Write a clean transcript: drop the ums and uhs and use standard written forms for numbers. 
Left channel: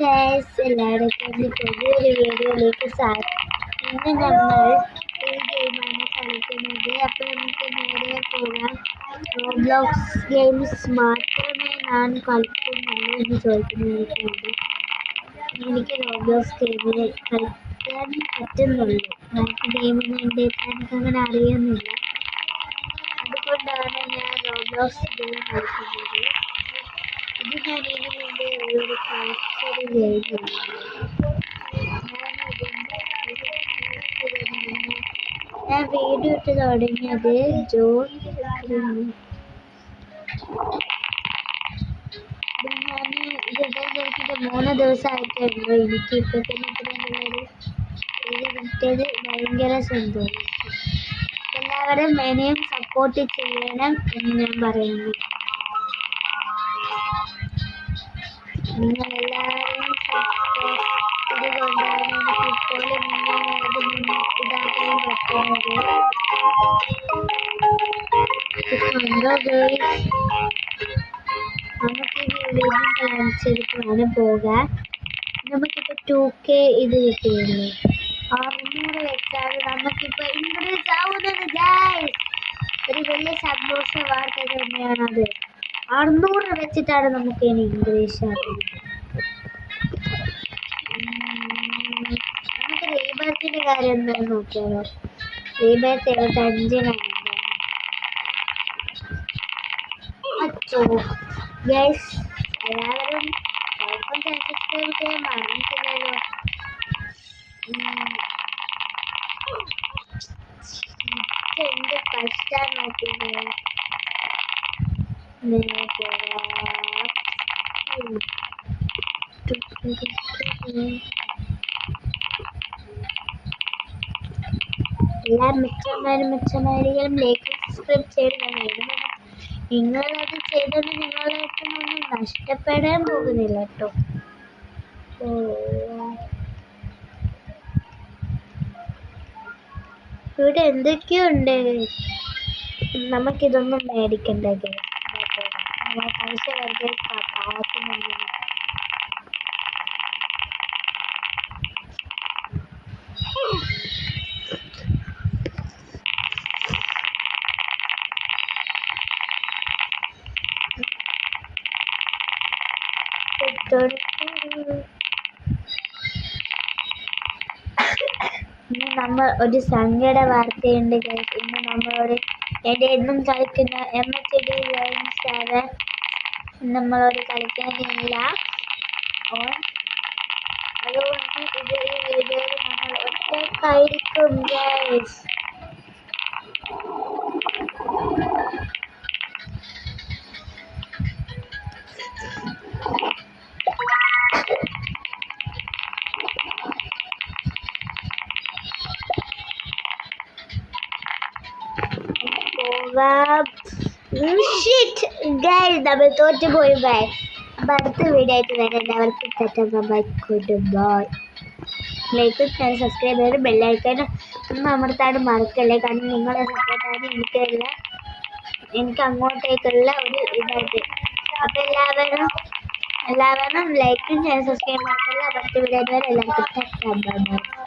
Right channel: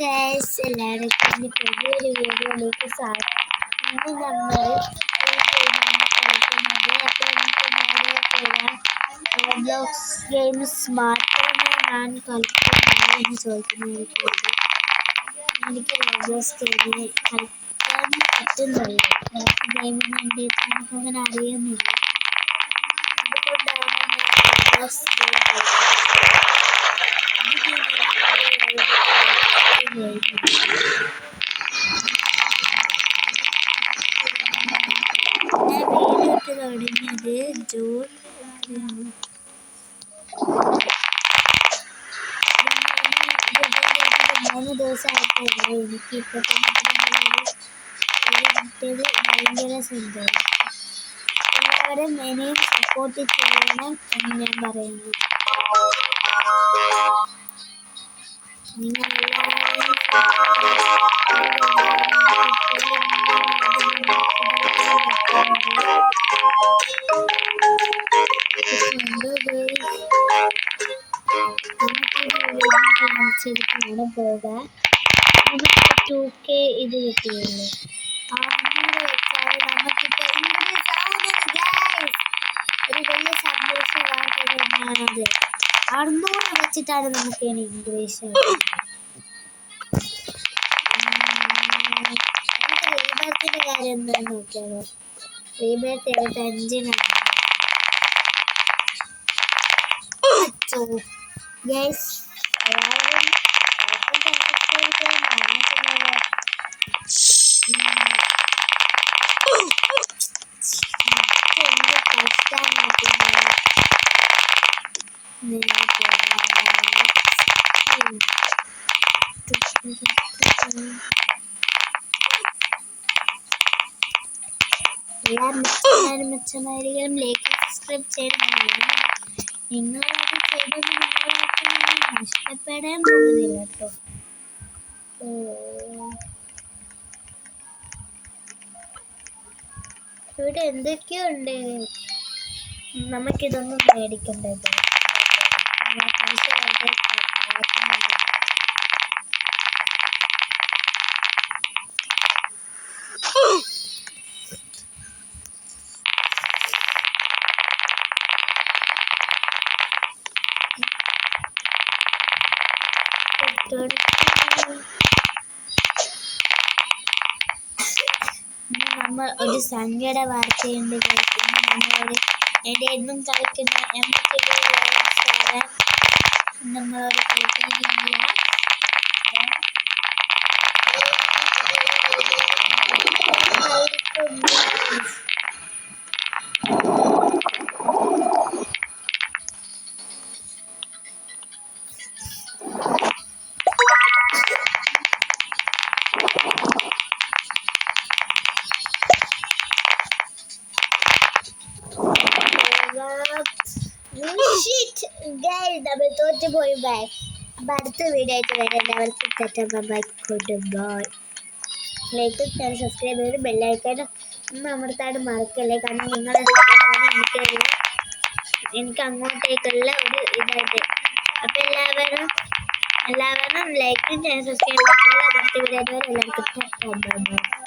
Guys, എല്ലാവർക്കും പുതിയൊരു വീഡിയോയിലേക്ക് സ്വാഗതം. ഇന്ന് നമ്മൾ ഈ ഗെയിമാണ് കളിക്കുന്നത്. അപ്പോൾ നമുക്ക് നേരെ പോകാം. റോബ്ലോക്സ് ഗെയിംസ് മാത്രമേ ഞാൻ കളിക്കുന്നുള്ളൂ എന്ന് ചോദിക്കുന്നതിനോട് എനിക്ക് റോബ്ലോക്സ് ഗെയിമിൽ കളിക്കാൻ പറ്റുന്നുള്ളൂ. മറ്റ് ഗെയിമിന് വേണ്ടിയിട്ട് എനിക്കങ്ങനെ അറിയുന്നില്ല. അതുകൊണ്ടാണ് ഞാൻ റോബ്ലോക്സ് ഗെയിം കളിക്കുന്നത്. ഞാൻ വീഡിയോ ഇട്ട് തുടങ്ങിയത് ജൂൺ 3 ദിവസമായിട്ടുണ്ട്. എനിക്ക് ഇപ്പോൾ കിട്ടിയത് ഭയങ്കര സന്തോഷം. എല്ലാവരും എന്നെയും സപ്പോർട്ട് ചെയ്യണം എന്ന് ഞാൻ പറയുന്നു. നിങ്ങളെല്ലാവരും കാണിച്ചെടുത്താണ് പോവുക. നമുക്ക് 2K ഇത് കിട്ടിയിരുന്നു. 600 വെച്ചാൽ നമുക്കിപ്പോൾ ഇൻക്രീസ് ആവുന്നത് ഗൈസ്. ഒരു വലിയ സന്തോഷ വാർത്ത തന്നെയാണത്. 600 വെച്ചിട്ടാണ് നമുക്ക് ഇനി ഇംഗ്ലീഷ് നമുക്ക് റീബർത്തിന്റെ കാര്യം എന്താണെന്ന് നോക്കിയാലോ. റീബർത്ത് 75-നാണ്. ഗൈസ്, എല്ലാവരും എന്ത് കഷ്ടമാണ്. മെച്ചമായിരിക്കും ലൈക്ക് സബ്സ്ക്രൈബ് ചെയ്ത് നിങ്ങളത് ചെയ്തത് നിങ്ങളായിട്ട് നഷ്ടപ്പെടാൻ പോകുന്നില്ല കേട്ടോ. ഇവിടെ എന്തൊക്കെയുണ്ട്. നമുക്കിതൊന്നും മേടിക്കണ്ടത്. പൈസ വെറുതെ പാഴാക്കുന്നുണ്ട്. ഇന്ന് നമ്മൾ ഒരു സങ്കട വാർത്തയുണ്ട്. ഇന്ന് നമ്മളൊരു എൻ്റെ എന്നും കളിക്കുന്ന MTD നമ്മളൊരു കളിക്കുന്നില്ല. നമ്മൾ തോറ്റുപോയി. ബൈ. അപ്പം അടുത്ത വീഡിയോ ആയിട്ട് വരുന്നവർക്ക് bye. Good bye. Like subscribe ചെയ്ത് ബെല്ലൈക്കൻ ഒന്ന് അമർത്താനും മറക്കല്ലേ. കാരണം നിങ്ങളെ സപ്പോർട്ടാണ് എനിക്ക് അങ്ങോട്ടേക്കുള്ള ഒരു ഇതായിട്ട്. അപ്പം എല്ലാവരും ലൈക്കും സബ്സ്ക്രൈബ് ചെയ്താൽ അടുത്ത വീഡിയോ എല്ലാവർക്കും ബൈ.